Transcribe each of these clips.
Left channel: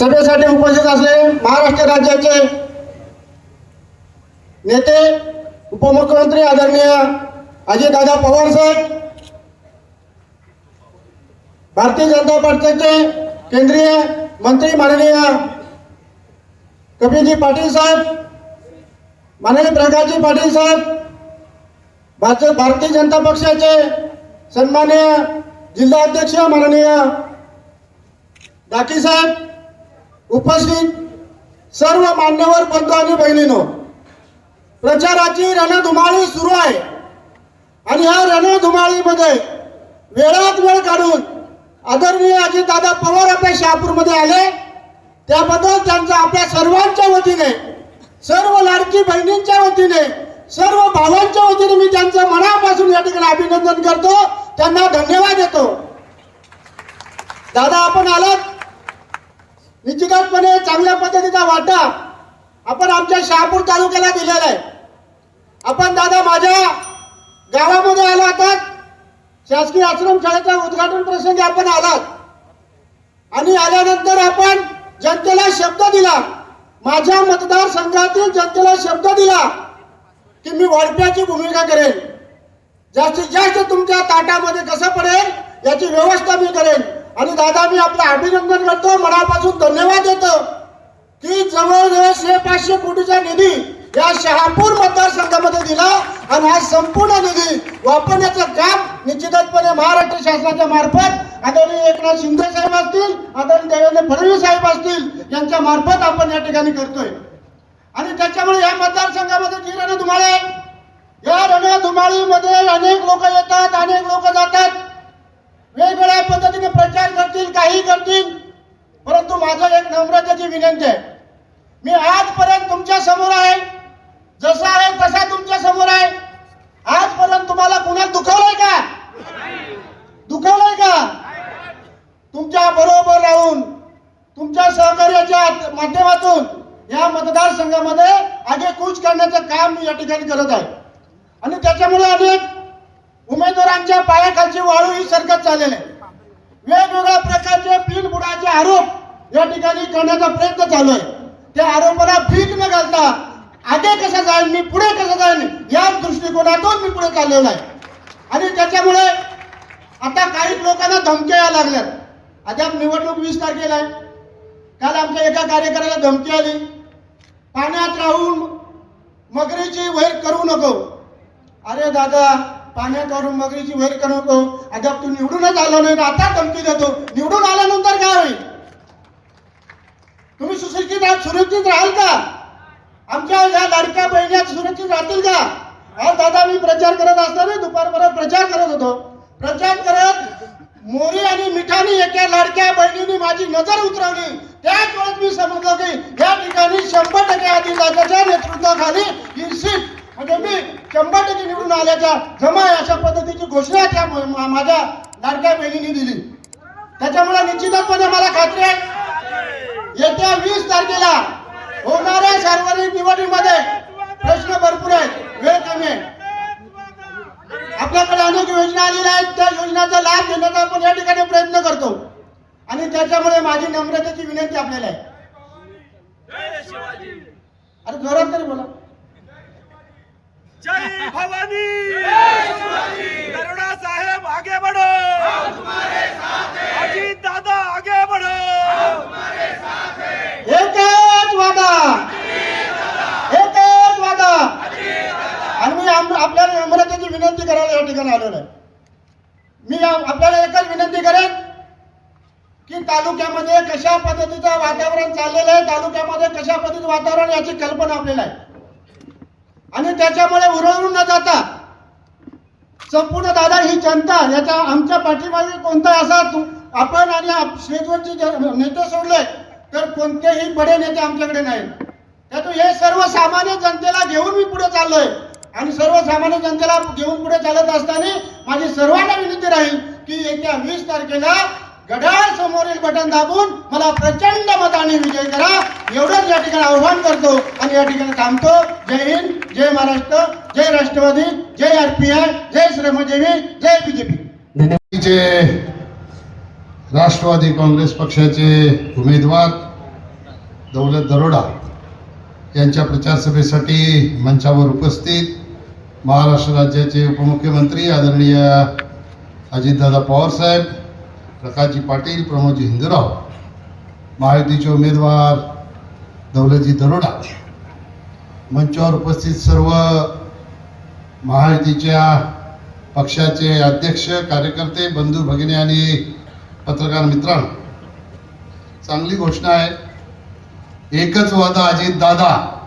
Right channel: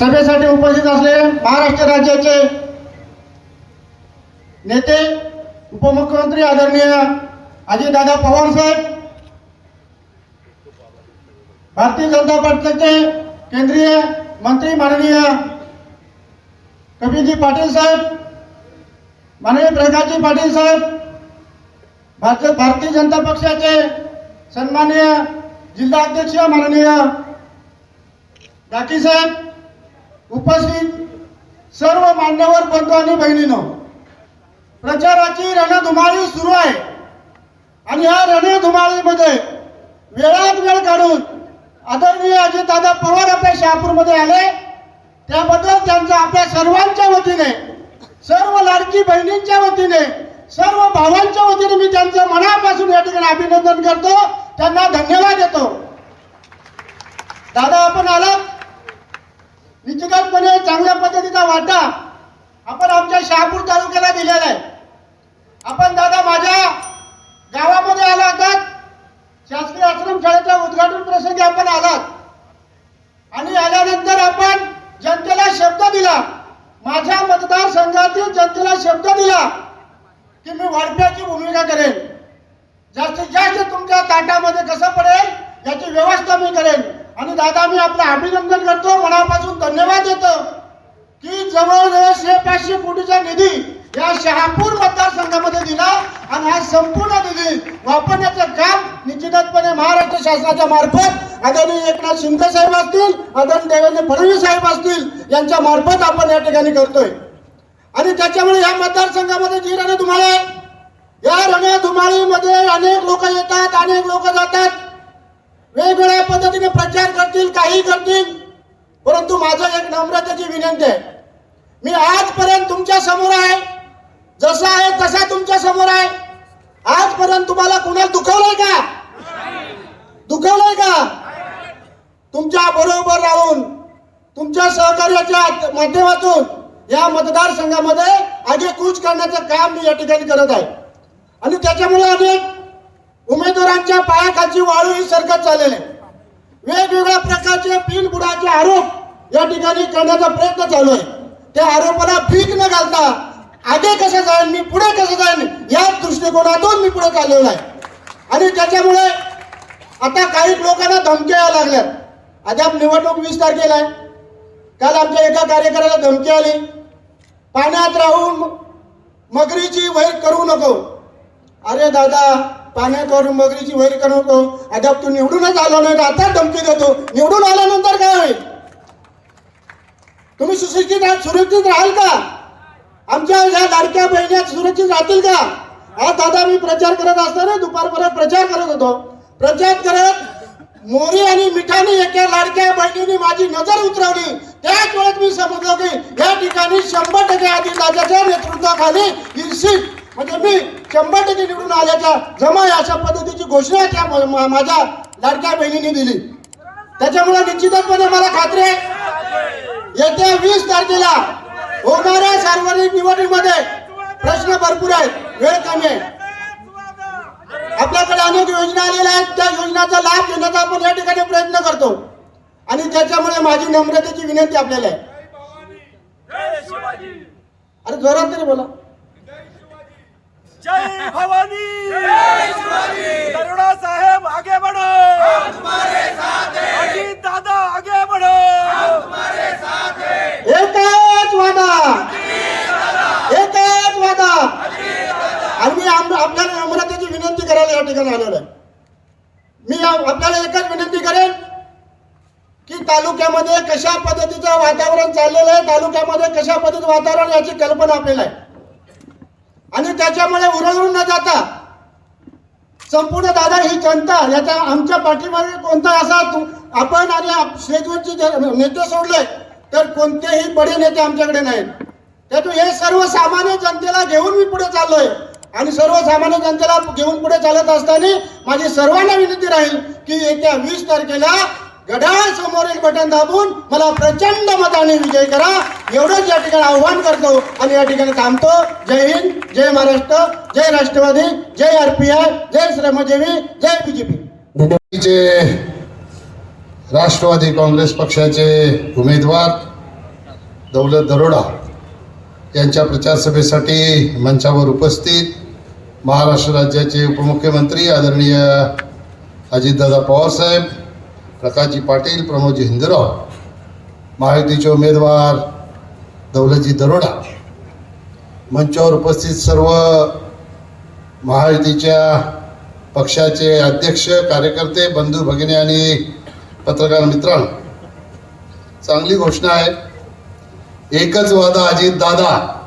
सभेसाठी उपस्थित असलेले महाराष्ट्र राज्याचे नेते उपमुख्यमंत्री आदरणीय अजितदादा पवार साहेब भारतीय जनता पार्टीचे केंद्रीय मंत्री माननीय कपिलजी पाटील साहेब माननीय प्रकाशजी पाटील साहेब भारतीय भारतीय जनता पक्षाचे सन्माननीय जिल्हाध्यक्ष माननीय डाकी साहेब उपस्थित सर्व मान्यवर बंधू आणि बहिणीनं प्रचाराची रणधुमाळी सुरू आहे. आणि या रणधुमाळीमध्ये वेळात वेळ काढून आदरणीय अजितदादा पवार आपल्या शहापूरमध्ये आले. त्याबद्दल त्यांचा आपल्या सर्वांच्या वतीने सर्व लाडकी बहिणींच्या वतीने सर्व भावांच्या वतीने मी त्यांचं मनापासून या ठिकाणी अभिनंदन करतो. त्यांना धन्यवाद देतो. दादा आपण आलात? निश्चितपणे चांगल्या पद्धतीचा वाटा आपण आमच्या शहापूर तालुक्याला दिलेला आहे. आपण दादा माझ्या गावामध्ये आला होतात शासकीय आश्रमशाळेच्या उद्घाटन प्रसंगी आपण आलात. आणि आल्यानंतर आपण जनतेला शब्द दिला. माझ्या मतदारसंघातील जनतेला शब्द दिला की मी वळप्याची भूमिका करेन. जास्तीत जास्त तुमच्या ताटामध्ये कसं पडेल याची व्यवस्था मी करेन. आणि दादा मी आपलं अभिनंदन करतो. मनापासून धन्यवाद देतो की जवळजवळ शे पाचशे कोटीचा निधी या शहापूर मतदारसंघामध्ये दिला आणि हा संपूर्ण निधी वापरण्याचं काम निश्चितपणे महाराष्ट्र शासनाच्या मार्फत आदरणीय एकनाथ शिंदे साहेब असतील आदरणीय देवेंद्र फडणवीस साहेब असतील यांच्या मार्फत आपण या ठिकाणी करतोय. आणि त्याच्यामुळे या मतदारसंघामध्ये जी रणधुमाळी आहे या रणधुमाळीमध्ये अनेक लोक येतात अनेक लोक जातात. वेगवेगळ्या पद्धतीने प्रचार करतील काही करतील. परंतु माझं एक नम्रतेची विनंती आहे मी आजपर्यंत तुमच्यासमोर आहे. जसा आहे तसा तुमच्यासमोर आहे. आजपर्यंत तुम्हाला कोणाला दुखवलंय का? दुखवलंय का? तुमच्या बरोबर राहून तुमच्या सहकार्याच्या माध्यमातून या मतदारसंघामध्ये आगे कूच करण्याचं काम मी या ठिकाणी करत आहे. आणि त्याच्यामुळे अधिक उमेदवारांच्या पायाखालची वाळू ही सरकत चाललेली आहे. वेगवेगळ्या प्रकारचे बिनबुडाचे आरोप या ठिकाणी करण्याचा प्रयत्न चालू आहे. त्या आरोपाला भीक न घालता आगे कसं जाईल मी पुढे कसं जाईल या दृष्टिकोनातून मी पुढे चाललेलो आहे. आणि त्याच्यामुळे आता काही लोकांना धमक्या यायला लागल्यात. अद्याप निवडणूक वीस तारखेला आहे. काल आमच्या एका कार्यकर्त्याला धमकी आली. पाण्यात राहून मगरीची वैद करू नको. अरे दादा पाण्यात मगरीची वैर करू नको अद्याप तू निवडूनच आलो नाही आता धमकी देतो. निवडून आल्यानंतर काय होईल? तुम्ही सुशिक्षित सुरक्षित राहाल का? आमच्या ह्या लाडक्या बहिणी सुरक्षित राहतील का? आज दादा मी प्रचार करत असताना दुपारपर्यंत प्रचार करत होतो. प्रचार करत मोरी आणि मिठाने एका लाडक्या बहिणीने माझी नजर उतरवली. त्याच वेळेस मी समजलो की या ठिकाणी शंभर टक्के आधी दादाच्या नेतृत्वाखाली ही सीट म्हणजे मी शंभर टक्के निवडून आल्याच्या जमा आहे अशा पद्धतीची घोषणा त्या माझ्या लाडक्या बहिणीने दिली. त्याच्यामुळे निश्चितपणे मला खात्री आहे. येत्या वीस तारखेला होणाऱ्या सार्वजनिक निवडणुकीमध्ये प्रश्न भरपूर आहेत. वेळ कमी आहे. आपल्याकडे अनेक योजना आलेल्या आहेत. त्या योजनाचा लाभ घेण्याचा आपण या ठिकाणी प्रयत्न करतो. आणि त्याच्यामुळे माझी नम्रतेची विनंती आपल्याला आहे. अरे जोरात तरी बोला. जय भवानी! करुणा साहेब आगे बढ़ो! अजित दादा आगे बढ़ो! एकच वादा एकच वादा आणि मी आपल्याला नम्रतेची विनंती करायला या ठिकाणी आलेलो आहे. मी आपल्याला एकच विनंती करेन की तालुक्यामध्ये कशा पद्धतीचं वातावरण चाललेलं आहे तालुक्यामध्ये कशा पद्धतीचं वातावरण याची कल्पना आपल्याला आहे. आणि त्याच्यामुळे उरळून न जाता संपूर्ण दादा ही जनता याचा आमच्या पाठीमागे कोणता असा आपण आणि आप- स्टेजवरचे नेते सोडले तर कोणतेही बडे नेते आमच्याकडे नाहीत. त्यातून हे सर्वसामान्य जनतेला घेऊन मी पुढे चाललोय. आणि सर्वसामान्य जनतेला घेऊन पुढे चालत असताना माझी सर्वांना विनंती राहील की येत्या वीस तारखेला घड्याळ समोरील बटन दाबून मला प्रचंड मताने विजय करा. एवढंच या ठिकाणी आव्हान करतो आणि या ठिकाणी थांबतो. जय हिंद जय महाराष्ट्र जय राष्ट्रवादी जय आरपीआय जय श्रमजीवी जय बीजेपी चे राष्ट्रवादी काँग्रेस पक्षाचे उमेदवार दौलत दरोडा यांच्या प्रचारसभेसाठी मंचावर उपस्थित महाराष्ट्र राज्याचे उपमुख्यमंत्री आदरणीय अजितदादा पवारसाहेब प्रकाशजी पाटील प्रमोदजी हिंदूराव महायुतीचे उमेदवार दौलतजी दरोडा. मंचावर उपस्थित सर्व महायुतीच्या पक्षाचे अध्यक्ष कार्यकर्ते बंधू भगिनी आणि पत्रकार मित्रांनो चांगली घोषणा आहे. एकच वादा अजित दादा.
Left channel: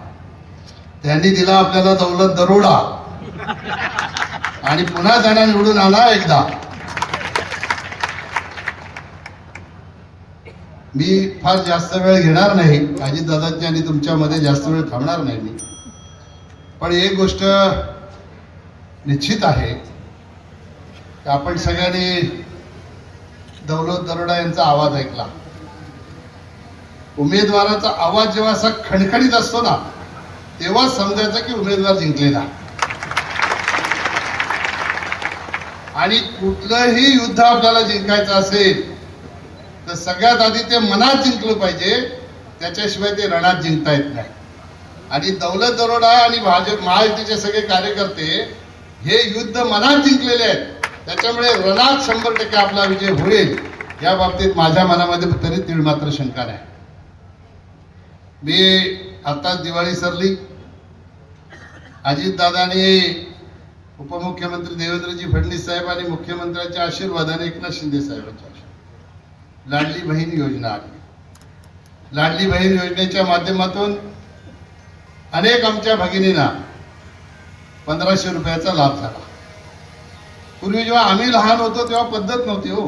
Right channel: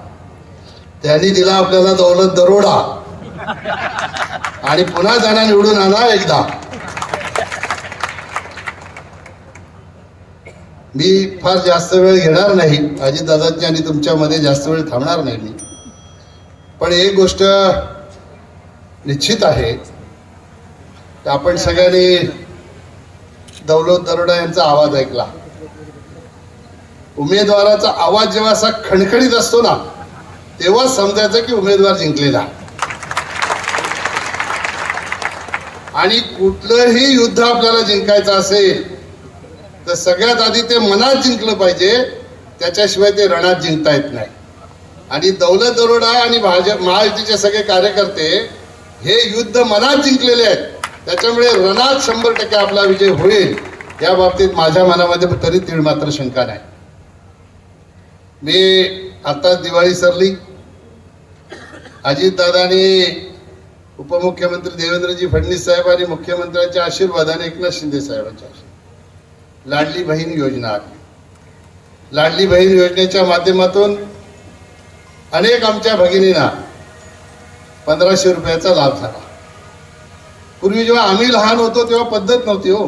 त्यांनी दिला आपल्याला दौलत दरोडा. आणि पुन्हा त्यांना निवडून आणा एकदा. मी फार जास्त वेळ घेणार नाही. अजितदादाची आणि तुमच्यामध्ये जास्त वेळ थांबणार नाही मी. पण एक गोष्ट निश्चित आहे की आपण सगळ्यांनी दौलत दरोडा यांचा आवाज ऐकला. उमेदवाराचा आवाज जेव्हा असा खणखणीत असतो ना तेव्हा समजायचं की उमेदवार जिंकलेला. आणि कुठलंही युद्ध आपल्याला जिंकायचं असेल तर सगळ्यात आधी ते मनात जिंकलं पाहिजे त्याच्याशिवाय ते रणात जिंकता येत नाही. आणि दौलत दरोडा आणि भाजप महायुतीचे सगळे कार्यकर्ते हे युद्ध मनात जिंकलेले आहेत. त्याच्यामुळे रणात शंभर टक्के आपला विजय होईल या बाबतीत माझ्या मनामध्ये तरी तीळ मात्र शंका नाही. मी आता दिवाळी सरली. अजितदादांनी उपमुख्यमंत्री देवेंद्रजी फडणवीस साहेब आणि मुख्यमंत्र्यांच्या आशीर्वादाने एकनाथ शिंदे साहेबांच्या आशीर्वाद लाडली बहीण योजना. आली लाडली बहीण योजनेच्या माध्यमातून अनेक आमच्या भगिनींना पंधराशे रुपयाचा लाभ झाला. पूर्वी जेव्हा आम्ही लहान होतो तेव्हा पद्धत नव्हती हो.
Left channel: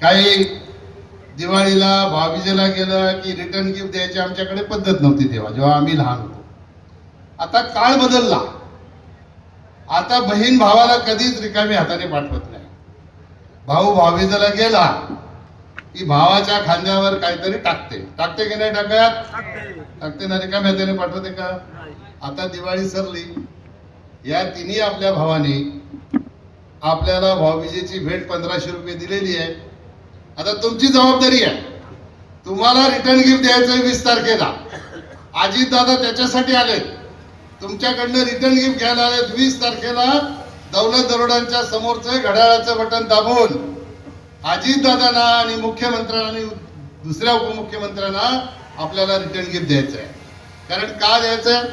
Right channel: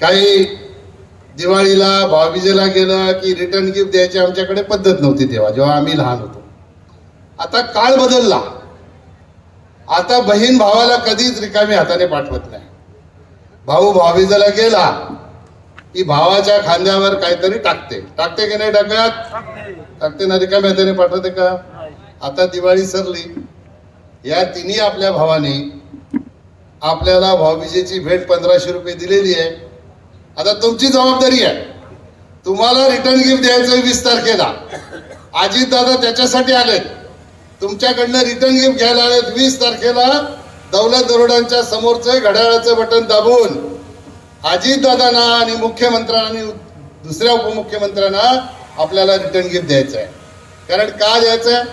काही दिवाळीला भाऊबीजेला गेलं की रिटर्न गिफ्ट द्यायची आमच्याकडे पद्धत नव्हती तेव्हा जेव्हा आम्ही लहान होतो. आता काळ बदलला. आता बहीण भावाला कधीच रिकामी हाताने पाठवत नाही. भाऊ भाऊबीजेला गेला की भावाच्या खांद्यावर काहीतरी टाकते. टाकते की नाही टाकत. टाकते ना रिकामी हाताने पाठवते का? आता दिवाळी सरली. या तिन्ही आपल्या भावाने आपल्याला भाऊबीजेची भेट पंधराशे रुपये दिलेली आहे. आता तुमची जबाबदारी आहे. तुम्हाला रिटर्न गिफ्ट द्यायचं वीस तारखेला. अजित दादा त्याच्यासाठी आलेत. तुमच्याकडनं रिटर्न गिफ्ट घ्यायला आलेत वीस तारखेला. दौलत दरोडांच्या समोरचं घड्याळाचं बटन दाबून. अजित दादांना आणि मुख्यमंत्र्यांना आणि दुसऱ्या उपमुख्यमंत्र्यांना आपल्याला रिटर्न गिफ्ट द्यायचं आहे कारण का द्यायचं आहे?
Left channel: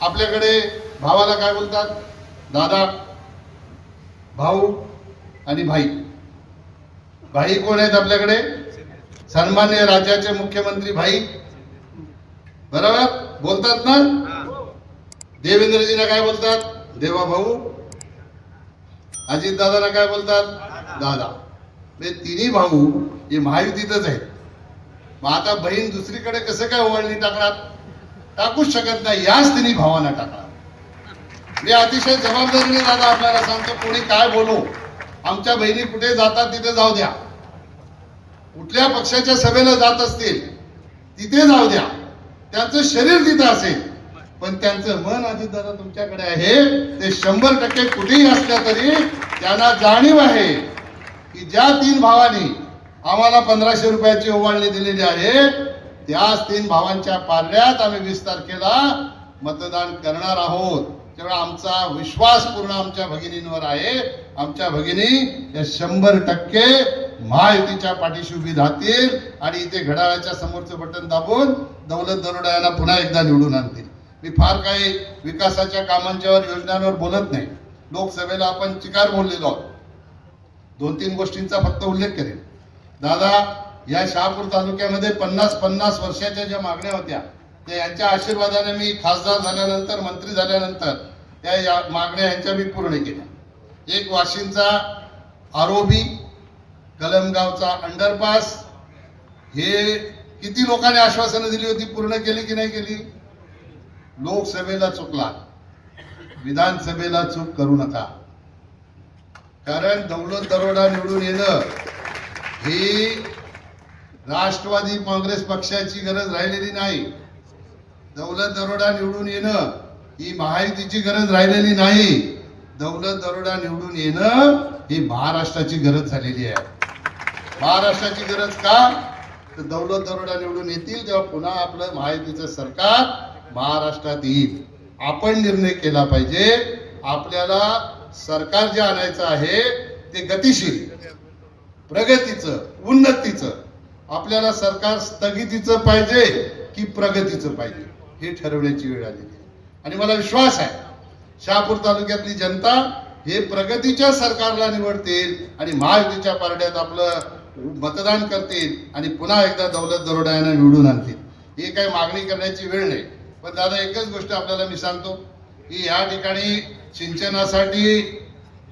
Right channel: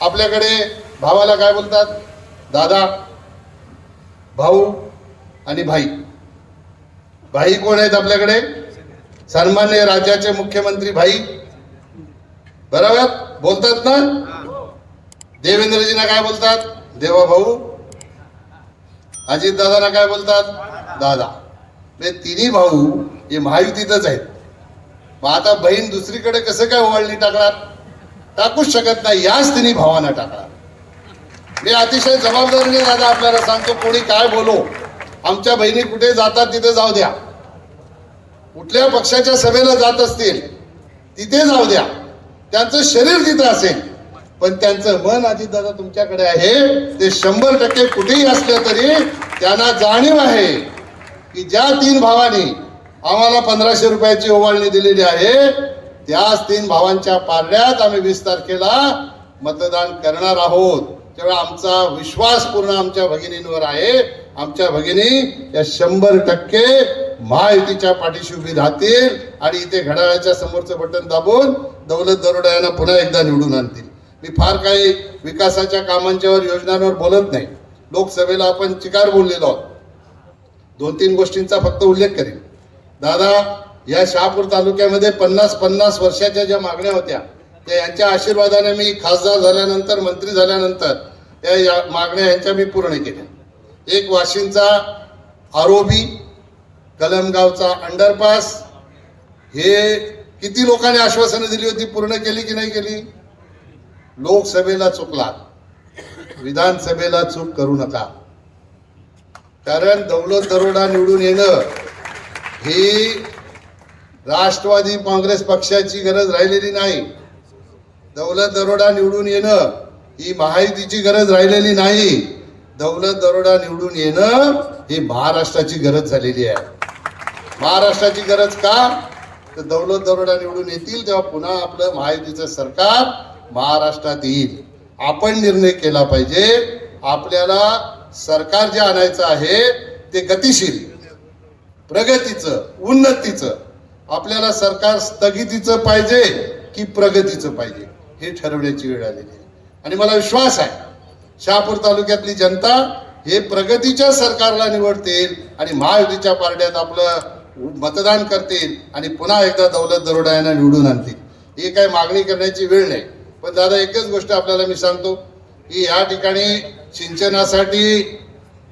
आपल्याकडे भावाला काय बोलतात? दादा भाऊ आणि भाई. भाई कोण आहेत आपल्याकडे? सन्मान्य राज्याचे मुख्यमंत्री भाई. बरोबर? बोलतात ना? देवेंद्रजीना काय बोलतात? देवा भाऊ. अजित दादाला काय बोलतात? दादा. हे तिन्ही भाऊ हे महायुतीतच आहेत. मग आता बहीण दुसरीकडे कसं काय ओवाळणी टाकणार? टाकूच शकत नाही याच तिन्ही भावांना टाकणार. मी अतिशय जबाबदारीने दादा आपल्याला सांगतो कोणी काय बोलो. आमच्या बहिणी कुठे जातात तिथे जाऊ द्या. कुठल्या पक्षाच्या सभेला जात असतील तिथे जाऊ द्या. त्यांचं शरीर तिथं असेल. पण त्यांचं मन दादा तुमच्याकडे आहे. ते शंभर टक्के कुठेही असल्या तरी त्यांना जाणीव आहे. की ज्या तीन भावांनी आम्हाला पंधराशे रुपयाची ओवाळणी दिलेली आहे त्याच तीन भावांच्या पारड्यात आम्ही वीस तारखेला मतदान करणार आहोत. त्यामुळे आमचा विश्वास पूर्ण आमच्या भगिनींवर आहे. आमच्या भगिनी या शंभर टक्के महायुतीच्या पाठीशी उभी राहतील आणि इथे घड्याळाच्या समोरचं बटन दाबून दौलत दरोडा यांना पुन्हा एकदा निवडून आणतील. मी फार काही विकासाच्या कामांच्यावर योजनांवर बोलत नाही. लोकसभेला आपण चिकार बोललेलो आहोत. दोन तीन गोष्टींचा फक्त उल्लेख करेन. दादा या शहापूर तालुक्यामध्ये पन्नास पन्नास वर्षाच्या ज्या मागण्या होत्या त्या यांच्या आशीर्वादाने मी खासदार झाल्यानंतर मंत्री झाल्यानंतर त्या या मागण्या यांच्या मी पूर्ण केल्या. एक वाशिंचा आरोबी कलमगावचा अंडरपास हे किती लोकांनी आश्वासनं दिली होती पूर्ण केली की नाही केली? लोकसभेला चुकला. विधानसभेला चूक करू नका. कारण दौलत दरोडा निवडून येणं ही राष्ट्रवादी काँग्रेस पक्षाची गरज राहिलेली नाही. दौलत दरोडा निवडून येणं ही महायुतीची गरज राहिलेली नाही. दौलत दरोडा निवडून येणं ही महाराष्ट्राची गरज झालेली आहे. महाराष्ट्राची गरज का? तर दौलत दरोडा निवडून येतील तेव्हा पुन्हा आपलं महायुतीचं सरकार महाराष्ट्रात येईल. आपण निर्णय केला पाहिजे. आपल्याला सरकार जे आणायचं आहे ते गतिशील प्रगतीचं उन्नतीचं. आपल्याला सरकार स्थगितीचं पाहिजे की प्रगतीचं पाहिजे? हे ठरवण्याची वेळ आलेली आहे. आणि मला विश्वास आहे शहापूर तालुक्यातली जनता हे प्रगतीच्या सरकारला निवडतील आणि महायुतीच्या पार्ट्यात आपलं मतदान करतील आणि पुन्हा एकदा दौलत दरोडा यांना निवडून आणतील. ही काय मागणी करण्याची वेळ नाही. पण दादा एकच गोष्ट आपल्याला मी सांगतो की या ठिकाणी सिंचनासाठी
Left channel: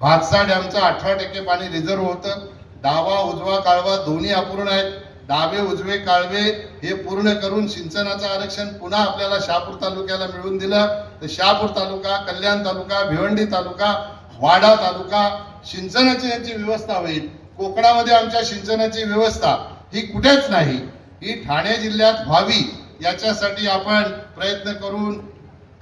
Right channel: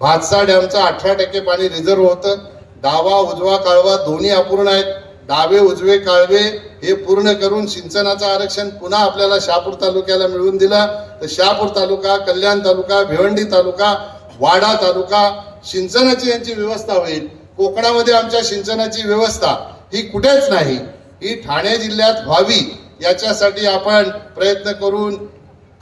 भातसा डॅमचं अठरा टक्के पाणी रिझर्व होतं. डावा उजवा काळवा दोन्ही अपूर्ण आहेत. डावे उजवे काळवे हे पूर्ण करून सिंचनाचं आरक्षण पुन्हा आपल्याला शहापूर तालुक्याला मिळवून दिलं. तर शहापूर तालुका कल्याण तालुका भिवंडी तालुका वाडा तालुका सिंचनाची यांची व्यवस्था होईल. कोकणामध्ये आमच्या सिंचनाची व्यवस्था ही कुठेच नाही. ही ठाणे जिल्ह्यात व्हावी याच्यासाठी आपण प्रयत्न करून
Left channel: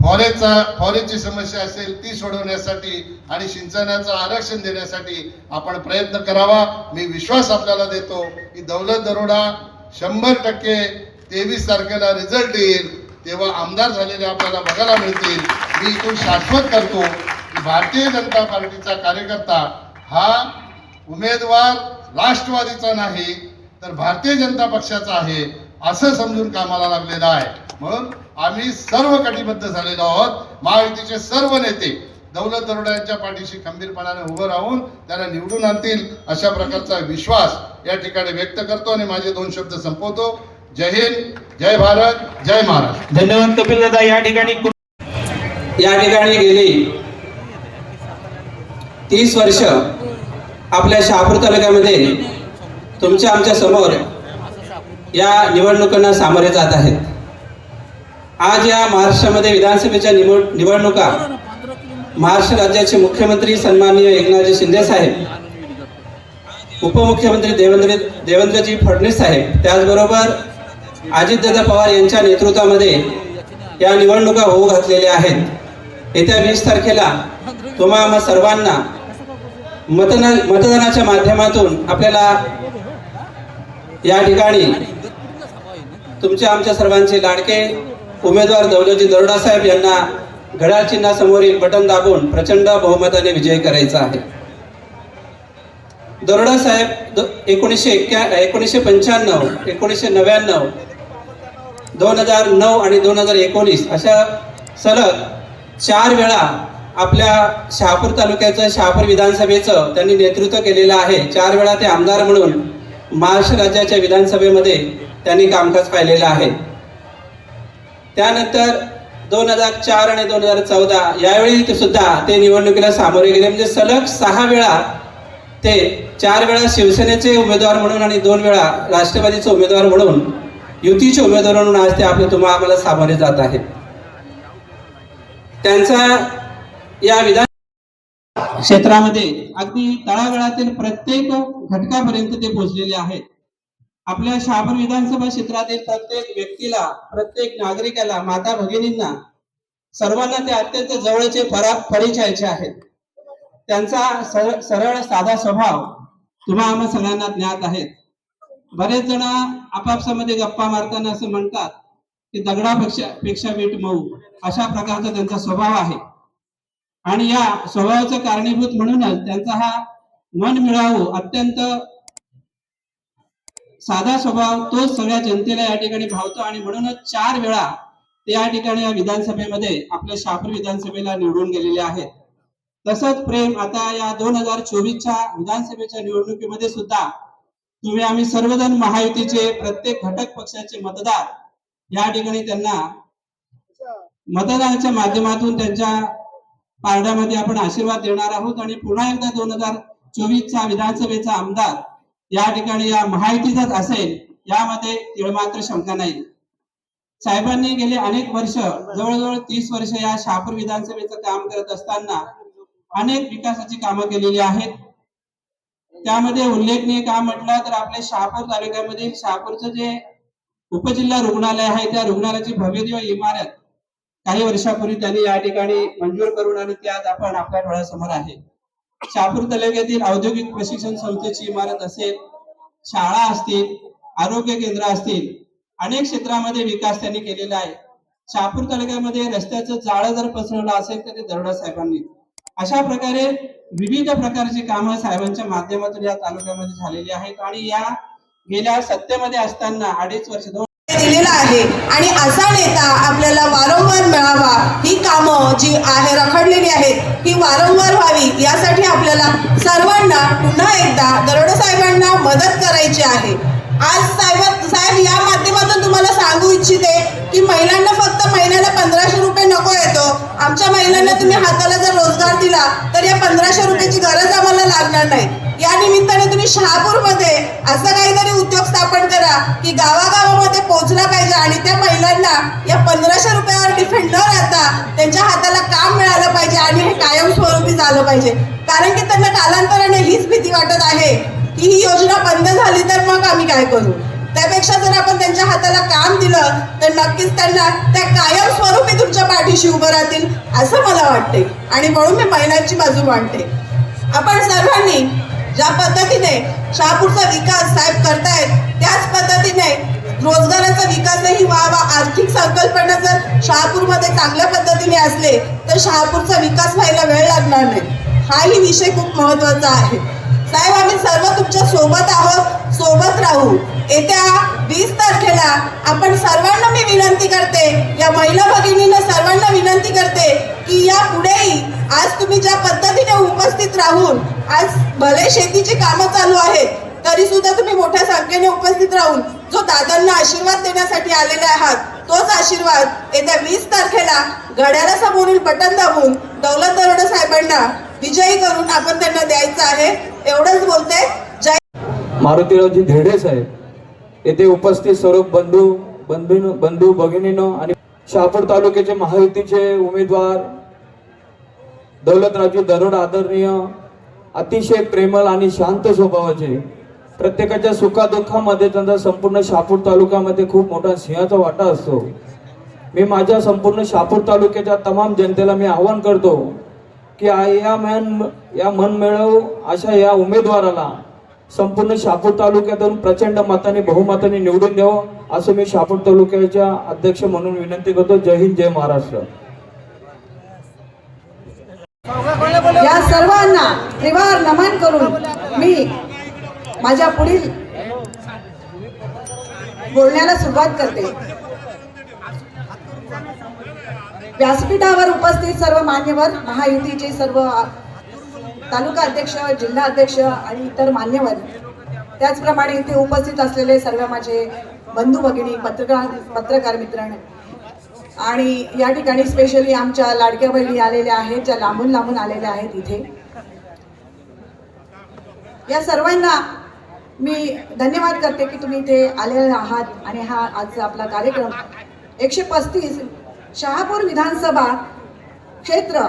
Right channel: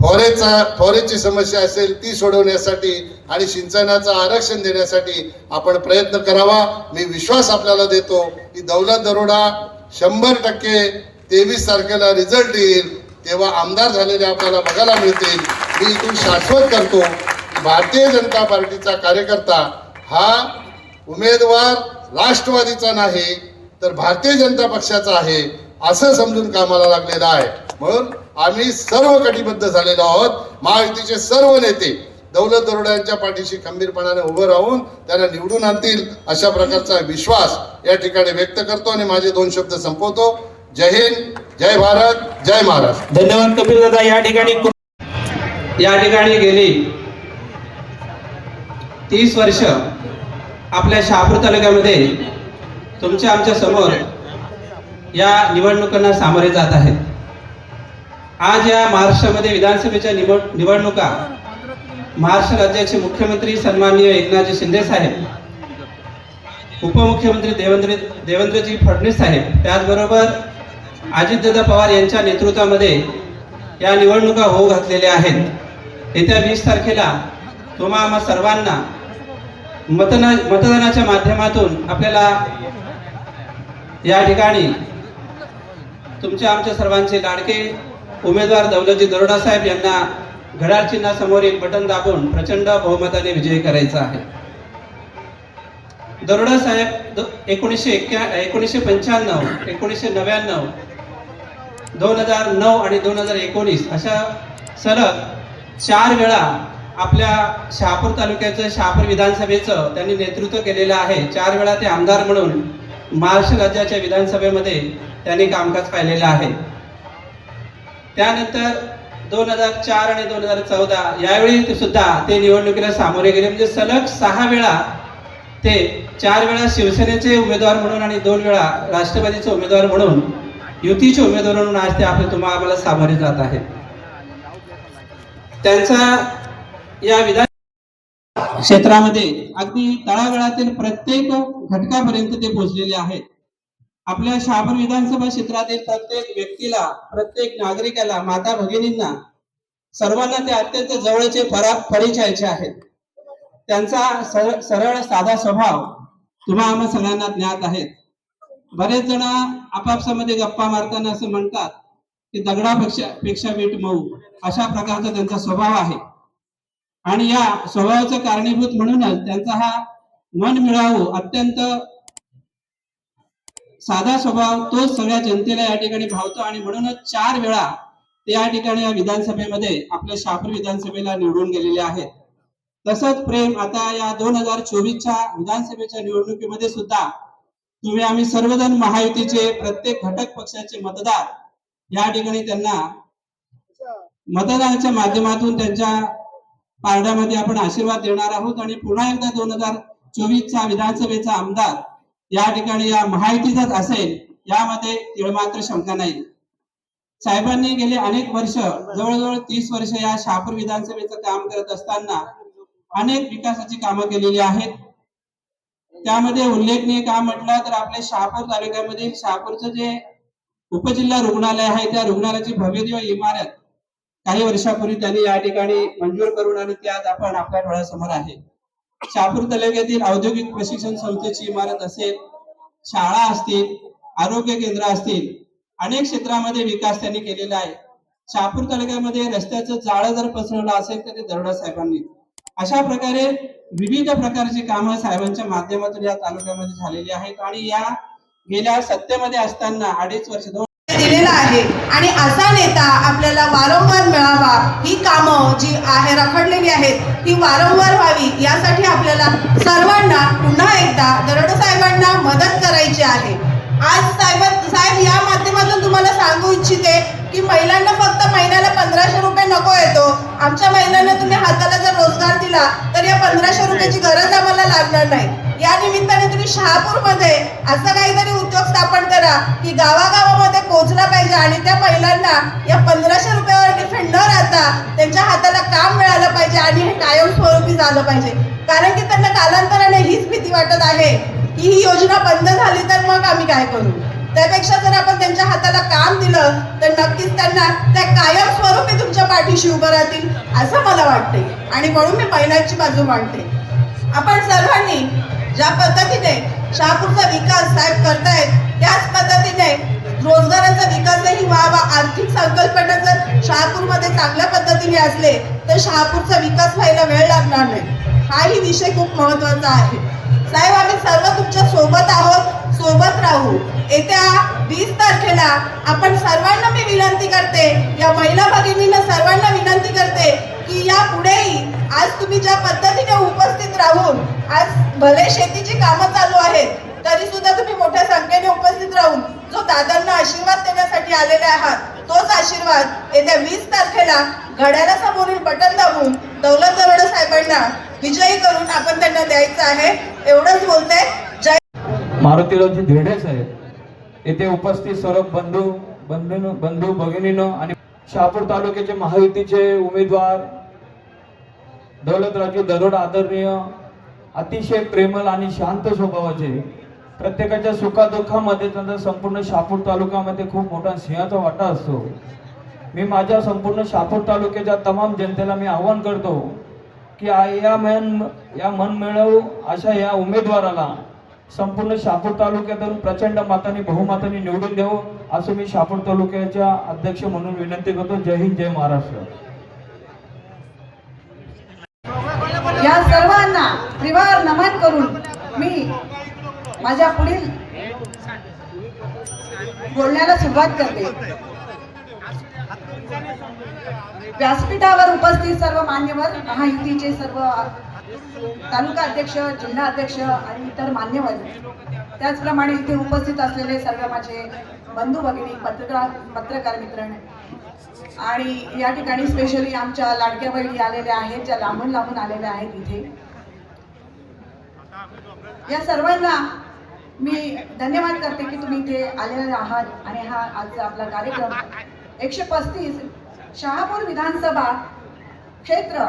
फॉरेचा फॉरेजची समस्या असेल ती सोडवण्यासाठी आणि सिंचनाचं आरक्षण देण्यासाठी आपण प्रयत्न करावा. मी विश्वास आपल्याला देतो की दौलत दरोडा शंभर टक्के तेवीस तारखेला रिझल्ट येईल. तेव्हा आमदार झालेले आपल्याला बघायला मिळतील. मी इथून शाश्वत करतो भारतीय जनता पार्टीचा कार्यकर्ता हा उमेदवार राष्ट्रवादीचा नाही तर भारतीय जनता पक्षाचा आहे असं समजून कामाला लागलेलं आहे. म्हणून आम्ही सर्व कटिबद्ध झालेलो आहोत. महायुतीचे सर्व नेते दौलत दरोड्यांच्या पाठीशी खंबीरपणाने उभं राहून त्यांना निवडून आणतील अशा प्रकारचा विश्वास या ठिकाणी व्यक्त करतो आणि माझे दोन शब्द संपवतो. जय हिंद जय भारत जय महाराष्ट्र. धन्यवाद कपिल दादा. या ठिकाणी या ठिकाणी गेली तीस वर्ष आपल्या शहापूर तालुक्यामध्ये तुमच्या आमच्यासमोर या निवडणुकांना सामोरे जात आहेत. आज या महाराष्ट्रामध्ये विधानसभेच्या निवड निवडणुका महाराष्ट्र राज्याचे मुख्यमंत्री सन्माननीय एकनाथजी शिंदे साहेब उपमुख्यमंत्री देवेंद्र देवेंद्रजी फडणवीस साहेब त्याचबरोबर अजितदादा पवार यांच्या नेतृत्वामध्ये या निवडणुका होऊ घातलेल्या आहेत. येत्या वीस तारखेला तुम्हा सर्वांना मतदान मतदानाच्या माध्यमातून आपल्याला या ठिकाणी तुमच्या आमच्या सर्वांचे लाडके उमेदवार दौलतजी दरोडा साहेब यांना घड्याळ चिन्हासमोरील बटन दाबून प्रचंड बहुमताने विजय करायचा आहे. दरोडा साहेब एकोणीसशे एक्क्या एकोणीसशे पंच्याण्णव एकोणीसशे नव्याण्णव दोन हजार नऊ आणि दोन हजार एकोणीस अशा सलग चार वेळा आपल्या शहापूर तालुक्याचं शहापूर विधानसभेचं त्यांनी नेतृत्व केलेलं आहे. चार वेळा ते आमदार म्हणून महाराष्ट्र राज्याच्या विधानसभेमध्ये त्यांनी कामकाज पाहिलेलं आहे. त्यानंतर दोन हजार चार आणि दोन हजार चौदा यावेळी ते सुद्धा ते निवडणुकीला सामोरे गेले. म्हणजे सलग सहा वेळा ते चार वेळा शिवसेनेचे उमेदवार म्हणून आणि दोन वेळा राष्ट्रवादीचे उमेदवार म्हणून युतीचे उमेदवार म्हणून आज ते आपले तुम्हाला आम्हाला सामोरे जात आहेत. त्यांचा या विधान क्षेत्रामध्ये अगदी तळागाळातील प्रत्येक घटकापर्यंत ते पोहोचलेले आहेत. आपल्या शहापूर विधानसभा क्षेत्रातील प्रत्येक व्यक्तीला प्रत्येक नागरिकाला माता भगिनींना सर्वांना ते अत्यंत जवळचे परिचयाचे आहेत. त्यांचा सरळ साधा स्वभाव तुम्हा आम्हा सगळ्यांना ज्ञात आहेत. बरेच जण आपापसामध्ये गप्पा मारताना असं म्हणतात की दगडापेक्षा पेक्षा वीट मऊ अशा प्रकारचा त्यांचा स्वभाव आहे. आणि या स्वभावाचं कारणीभूत म्हणूनच त्यांचा हा मन मिळावू अत्यंत साधा स्वभाव तोच सगळ्या जनतेला या ठिकाणी भावतो आणि म्हणूनच चार वेळा ते या ठिकाणी या विधानसभेमध्ये आपल्या शापूर विधानसभेला निवडून गेलेले आहेत. तसंच प्रेम आता या दोन हजार चोवीसच्या विधानसभेच्या निवडणुकीमध्ये सुद्धा तुम्ही आम्ही सर्वजण महायुतीचे प्रत्येक घटक पक्षाचे मतदार या ठिकाणी त्यांना मतदानाच्या माध्यमातून त्यांच्या पारड्यामध्ये आपण आशीर्वाद देणार आहोत आणि पुन्हा एकदा दोन हजार चोवीसचा विधानसभेचा आमदार या ठिकाणी या महायुतीचाच असेल यामध्ये तिळमात्र शंका नाही. साहेबांनी गेले अनेक वर्ष जवळजवळ तीस वर्ष या शहापूर विधानसभेचं काम करत असताना अनेक विकासाची कामं केलेली आहेत. त्यामध्ये उल्लेखनीय काम म्हटलं तर आपल्या शहापूर तालुक्यामधील शहापूरचं जे उपजिल्हा रुग्णालय आहे त्या रुग्णालयाची भव्य इमारत काही वर्षापूर्वी त्यांनी या ठिकाणी मंजूर करून आणि ती आज आपण आपल्या डोळ्यासमोर आहे. शहापूर तालुक्यातील औद्योगिक प्रशिक्षण संस्थेची इमारत असेल शाळा असतील आरोग्य केंद्र असतील अनेक क्षेत्रामध्ये विकास त्यांनी केलेला आहे. शहापूर तालुक्यामध्ये रस्त्याचं जाळं जर पसरवलं असेल तर ते दरोडा साहेबांनी. अशा प्रकारे विविध प्रकारची कामं साहेबांच्या माध्यमातून या तालुक्यामध्ये झालेली आहेत आणि या गेल्या सत्तेमध्ये असताना अडीच वर्ष दोन दिलेला आहे. आणि असा नेता आपल्याला वारंवार मिळावा ही कामं जी आहे रखडलेली आहेत ती वारंवार व्हावी यासाठी आपल्याला सर्वांना पुन्हा एकदा दरोडा साहेबांना मदत करायची आहे. आज साहेब साहेब या माध्यमातून तुम्हाला सांगू इच्छिते की महिलांना फक्त महिन्याला पंधराशे रुपये नको येतो. आमच्या महिलांना तुम्ही हाताला जर रोजगार दिला तर या पंधराशे रुपयाची गरज आम्हाला लागणार नाही. या निमित्ताने तुम्ही शहापूरमध्ये असं काहीतरी उद्योग स्थापन करा की गावागावामध्ये पोहोचला पाहिजे आणि त्या महिलांना या पंधराशे रुपयावर डिफेंड न राहता त्यांच्या हाताला काम मिळालं पाहिजे आणि हे कायमस्वरूपी झालं पाहिजे. कारण की त्यांना कालांतराने हीच भीती वाटत आहे की ही योजना बंद झाली तर मग आम्ही काय करू? त्यापेक्षा जर आपण त्यांच्या हाताला काम दिलं तर नक्कीच त्यांना त्या कायम स्वरूपी तुमच्या पाठीशी उभं राहतील असं मला वाटते आणि म्हणून मी महिलांची बाजू मांडते. आपण सर्वांनी ज्या पद्धतीने शहापूरचा विकास साहेब करतायत त्याच पद्धतीने रोजगाराचा विकासही व्हावा आर्थिक संकल्पना जर शहापूरमध्ये चांगल्या पद्धतीने असले तर शहापूरचा विकास व्हायला वेळ लागणार नाही. हाही विषय खूप महत्त्वाचा आहे. साहेब आम्ही सर्व तुमच्यासोबत आहोत सोबत राहू. येत्या वीस तारखेला आपण सर्वांना मी विनंती करते या महिला भगिनीनं सर्वांना विनंती करते की या पुढेही आज तुम्ही ज्या पद्धतीने उपस्थित राहून आज भले शेतीची कामं चालू आहेत तरी सुद्धा तुम्ही मोठ्या संख्येने उपस्थित राहून जो दादांना आशीर्वाद देण्यासाठी आलेले आहात तोच आशीर्वाद येत्या वीस तारखेला घड्याळासमोरील बटन दाबून दौलत दरोडा साहेबांना विजयी करून आपण त्यांना द्यायचं आहे. एवढंच बोलते. जय मारुतीरावजी धिरडे साहेब. येथे उपस्थित सर्व बंधू बंधू बंधू भगिनीनो आणि शहापूर तालुक्याचे महायुतीचे उमेदवार दौलतरावजी दरोड आदरणीय अतिशय प्रेमल आणि शांत स्वभावाचे प्रत्येकाच्या सुखादुःखामध्ये त्यांचा संपूर्ण शहापूर तालुक्यामध्ये खूप मोठा सिंहाचा वाटा असतो. मी माझ्या संपूर्ण शहापूर तालुक्याच्या तमाम जनतेला मी आवाहन करतो की आ- या मन या मनमिळव अशा या उमेदवाराला संपूर्ण शहापूर तालुक्यातून प्रचंड मताने बहुमताने निवडून द्यावं असं मी शहापूर तालुक्याच्या अध्यक्ष म्हणून विनंती करतो. जय हिंद जय महाराष्ट्र. या सर्वांना त्रिवार नमन करून मी माझ्या पुढील बोलण्याला सुरुवात करते. व्यासपीठावर उपस्थित सर्व मान्यवर महायुतीचे सर्व तालुका अध्यक्ष जिल्हा अध्यक्ष आणि इतर मान्यवर. त्याचप्रमाणे इथे उपस्थित असलेले सर्व माझे बंधू भगिनी पत्रकार पत्रकार मित्र आणि या ठिकाणी स्पेशली आमच्या लाडक्या बहिणी आलेल्या आहेत ज्या लांबून लांबून आलेल्या आहेत इथे. या सर्वांना मी धन्यवाद करते की तुम्ही इथे आलेले आहात आणि हा आजचा आपला कार्यक्रम एकशे पस्तीस शहापूर विधानसभा क्षेत्र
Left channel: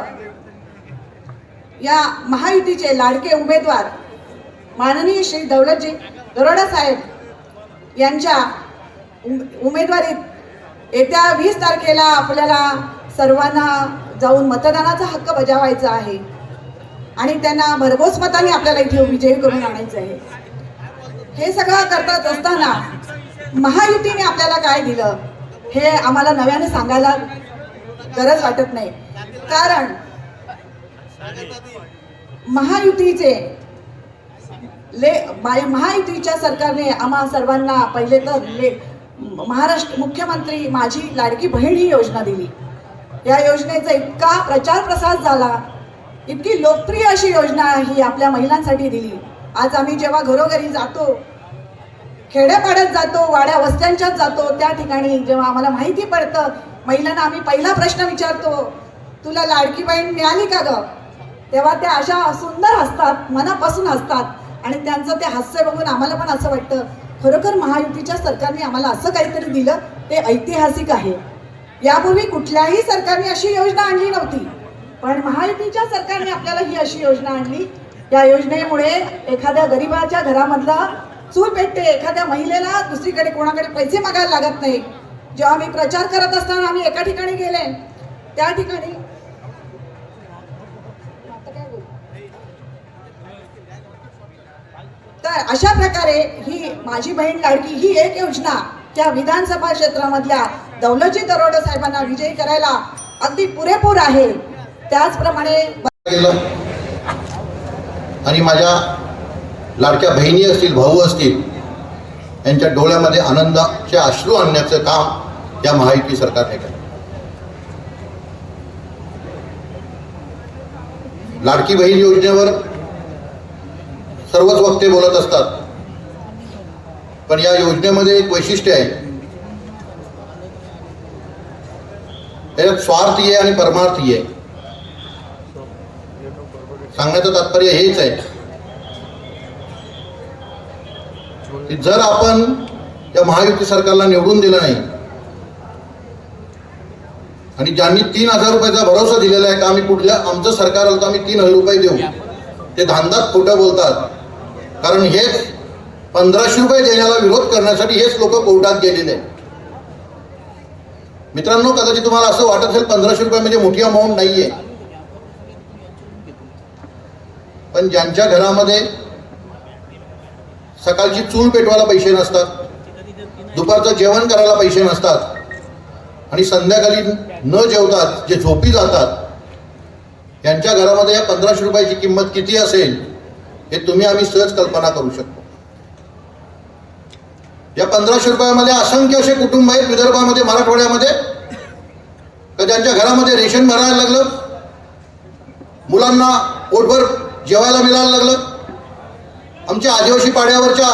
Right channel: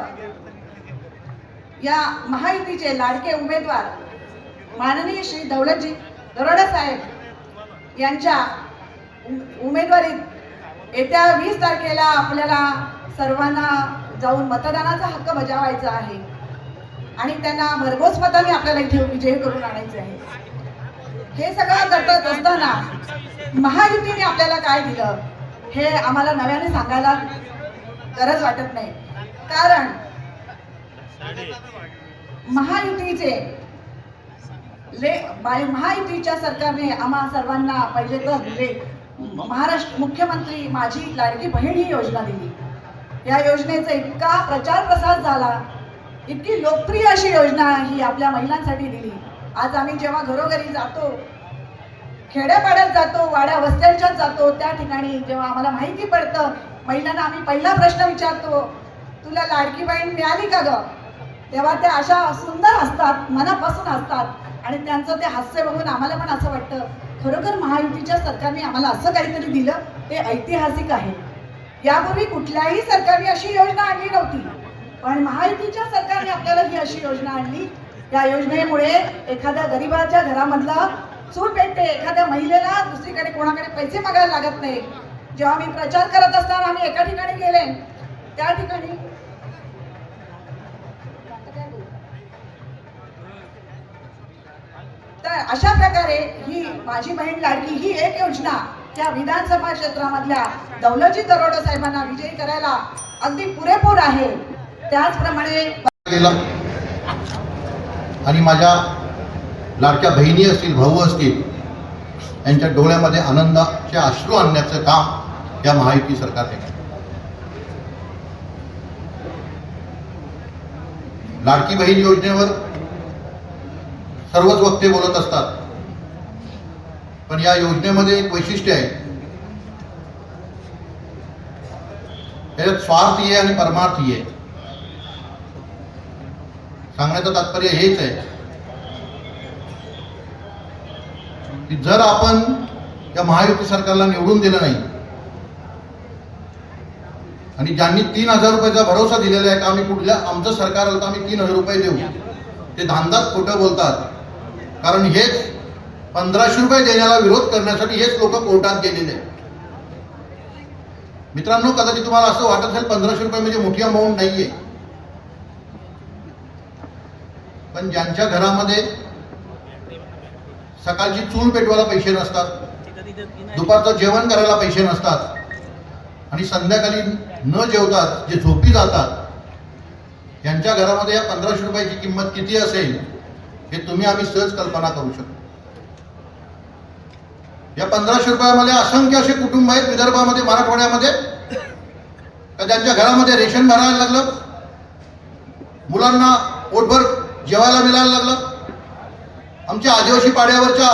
या महायुतीचे लाडके उमेदवार माननीय श्री दौलतजी दरोडा साहेब यांच्या उमेदवारीत येत्या वीस तारखेला आपल्याला सर्वांना जाऊन मतदानाचा हक्क बजावायचा आहे. आणि त्यांना भरघोस मताने आपल्याला इथे विजयी करून आणायचं आहे. हे सगळं करत असताना महायुतीने आपल्याला काय दिलं? हे आम्हाला नव्याने सांगायला गरज वाटत नाही. कारण महायुतीचे ले महायुतीच्या सरकारने आम्हा सर्वांना पहिले तर ले महाराष्ट्र मुख्यमंत्री माझी लाडकी बहीण ही योजना दिली. या योजनेचा इतका प्रचार प्रसार झाला इतकी लोकप्रिय अशी योजना ही आपल्या महिलांसाठी दिली. आज आम्ही जेव्हा घरोघरी जातो खेड्यापाड्यात जातो वाड्या वस्त्यांच्यात जातो. त्या ठिकाणी जेव्हा आम्हाला माहिती पडतं महिलांना आम्ही पहिला प्रश्न विचारतो तुला लाडकी बहीण मिळाली का ग? तेव्हा त्या अशा सुंदर असतात मनापासून असतात आणि त्यांचं ते हास्य बघून आम्हाला पण असं वाटतं खरोखर महायुतीच्या सरकारने आम्हाला असं काहीतरी दिलं ते ऐतिहासिक आहे. यापूर्वी कुठल्याही सरकारने अशी योजना आणली नव्हती. पण महायुतीच्या सरकारने आपल्याला ही अशी योजना आणली. या योजनेमुळे एखाद्या गरीबाच्या घरामधला चूल भेटते एखाद्या महिलेला दुसरीकडे कोणाकडे पैसे मागायला लागत नाही. जेव्हा मी प्रचार करत असताना आम्ही एका ठिकाणी गेले. त्या ठिकाणी तर अशा प्रकारे ही माझी बहीण लाडकी ही एक योजना त्या विधानसभा क्षेत्रामधल्या दौलजी दरोडे साहेबांना विजयी करायला अगदी पुरेपूर आहे. त्याचप्रमाणे आणि माझ्या लाडक्या बहिणी असतील भाऊ असतील यांच्या डोळ्यामध्ये आनंदाचे अश्रू आणण्याचं काम या महायुती सरकारने केलं. लाडकी बहीण योजनेवर सर्वच वक्ते बोलत असतात. पण या योजनेमध्ये एक वैशिष्ट्य आहे. त्याच्यात स्वार्थी आहे आणि परमार्थी आहे सांगण्याचं तात्पर्य हेच आहे. की जर आपण या महायुती सरकारला निवडून दिलं नाही आणि ज्यांनी तीन हजार रुपयाचा भरोसा दिलेला आहे का आम्ही कुठल्या आमचं सरकार आलं तर आम्ही तीन हजार रुपये देऊ. ते धांदात खोट्या बोलतात. कारण हेच पंधराशे रुपये देण्याला विरोध करण्यासाठी हेच लोक कोर्टात गेलेले आहेत. मित्रांनो कदाचित तुम्हाला असं वाटत असेल पंधराशे रुपये म्हणजे मोठी अमाऊंट नाहीये. पण ज्यांच्या घरामध्ये सकाळची चूल पेटवायला पैसे नसतात. दुपारचं जेवण करायला पैसे नसतात. आणि संध्याकाळी न जेवतात जे झोपी जातात यांच्या घरामध्ये या पंधराशे रुपयाची किंमत किती असेल हे तुम्ही आम्ही सहज कल्पना करू शकतो. या पंधराशे रुपयामध्ये असंख्य असे कुटुंब आहेत विदर्भामध्ये मराठवाड्यामध्ये तर त्यांच्या घरामध्ये रेशन भरायला लागलं? मुलांना पोटभर जेवायला मिळायला लागलं? आमच्या आदिवासी पाड्यावरच्या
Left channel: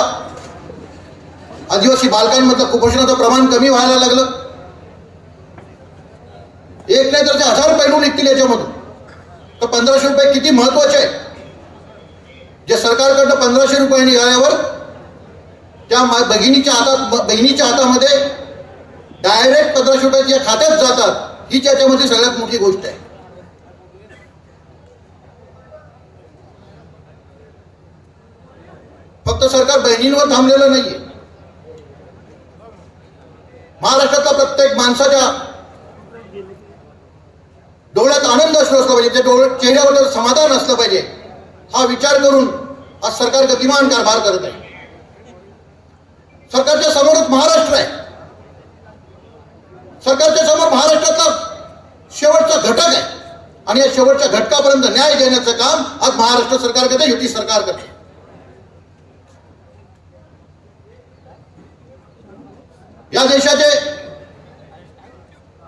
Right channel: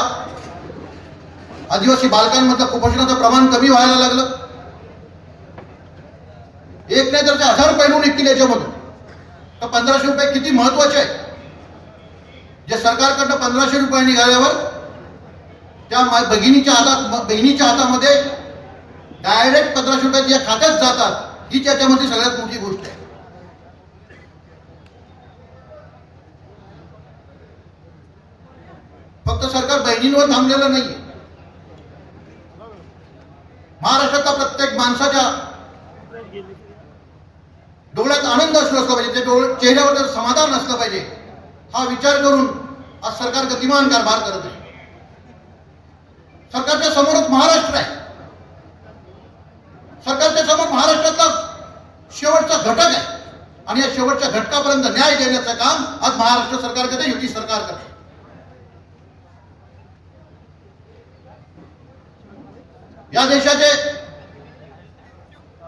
आदिवासी बालकांमधलं कुपोषणाचं प्रमाण कमी व्हायला लागलं. एक नाही तर ते हजार पैलू निघतील याच्यामधून. तर पंधराशे रुपये किती महत्त्वाचे आहे जे सरकारकडनं पंधराशे रुपये निघाल्यावर त्या बहिणीच्या भगिनीच्या हातात बहिणीच्या हातामध्ये डायरेक्ट पंधराशे रुपये या खात्यात जातात. ही त्याच्यामध्ये सगळ्यात मोठी गोष्ट आहे. फक्त सरकार बहिणींवर थांबलेलं नाहीये. महाराष्ट्रातल्या प्रत्येक माणसाच्या डोळ्यात आनंद असला असला पाहिजे त्या डोळ चेहऱ्यावर समाधान असलं पाहिजे हा विचार करून आज सरकार गतिमान कारभार करत आहे. सरकारच्या समोरच महाराष्ट्र आहे. सरकारच्या समोर महाराष्ट्रातला शेवटचा घटक आहे. आणि या शेवटच्या घटकापर्यंत न्याय देण्याचं काम आज महाराष्ट्र सरकार करते युती सरकार करते. या देशाचे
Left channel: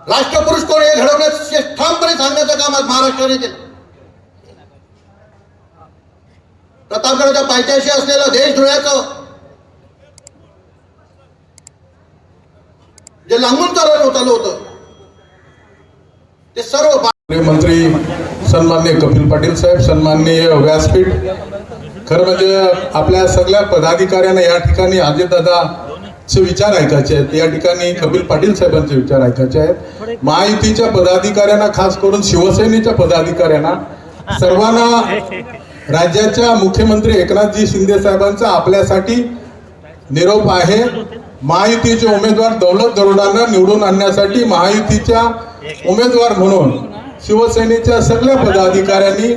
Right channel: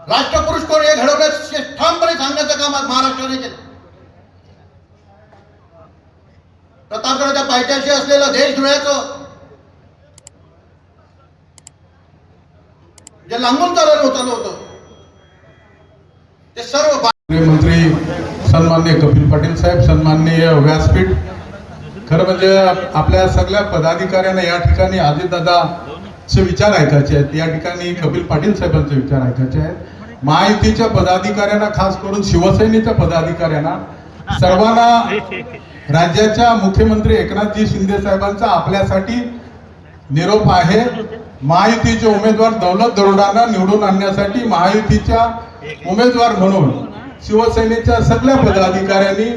राष्ट्रपुरुष कोण हे घडवण्याचे ठामपणे सांगण्याचं काम आज महाराष्ट्राने केलं प्रतापगडाच्या पायथ्याशी असलेलं देश धुळ्याचं जे लांबून चालवलं होतं होतं ते सर्व मंत्री सन्मान्य कपिल पाटील साहेब सन्माननीय व्यासपीठ खरं म्हणजे आपल्या सगळ्या पदाधिकाऱ्यांना या ठिकाणी चे विचार ऐकायचे आहेत. या ठिकाणी कपिल पाटील साहेबांचे विचार ऐकायचे आहेत. महायुतीच्या पदाधिकाऱ्यांना खास करून शिवसेनेच्या पदाधिकाऱ्यांना सर्वांना राज्याच्या मुख्यमंत्री एकनाथजी शिंदे साहेबांचा आपल्यासाठी निरोप आहे. महायुतीचे उमेदवार दौलत दरोडांना निवडून आणण्यासाठी महायुतीच्या उमेदवार म्हणून शिवसेनेच्या सगळ्या पदाधिकाऱ्यांनी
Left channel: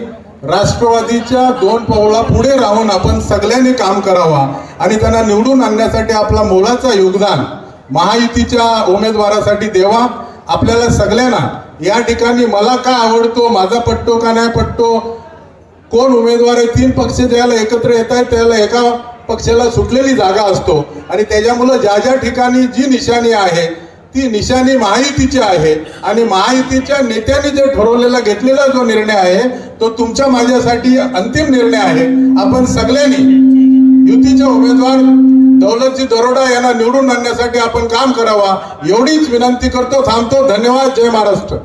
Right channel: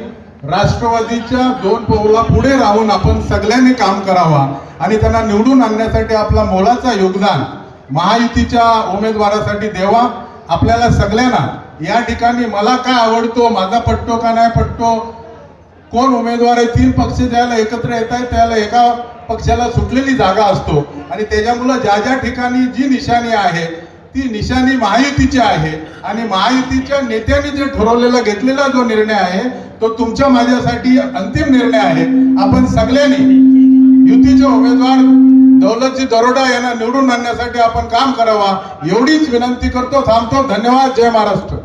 राष्ट्रवादीच्या दोन पवळा पुढे राहून आपण सगळ्यांनी काम करावा. आणि त्यांना निवडून आणण्यासाठी आपला मोलाचा योगदान महायुतीच्या उमेदवारासाठी देवा आपल्याला सगळ्यांना. या ठिकाणी मला काय आवडतो माझा पट्टो का नाही पट्टो? कोण उमेदवार आहे? तीन पक्ष ज्याला एकत्र येत आहेत त्याला एका पक्षाला सुटलेली जागा असतो. आणि त्याच्यामुळं ज्या ज्या ठिकाणी जी निशाणी आहे ती निशाणी महायुतीची आहे. आणि महायुतीच्या नेत्यांनी जे ठरवलेला घेतलेला जो निर्णय आहे तो तुमच्या माझ्यासाठी अंतिम निर्णय आहे. आपण सगळ्यांनी उमेदवार दौलतजी दरोडा यांना निवडून आणण्यासाठी आपण काम करावा एवढीच विनंती करतो थांबतो. धन्यवाद. जय महाराष्ट्र.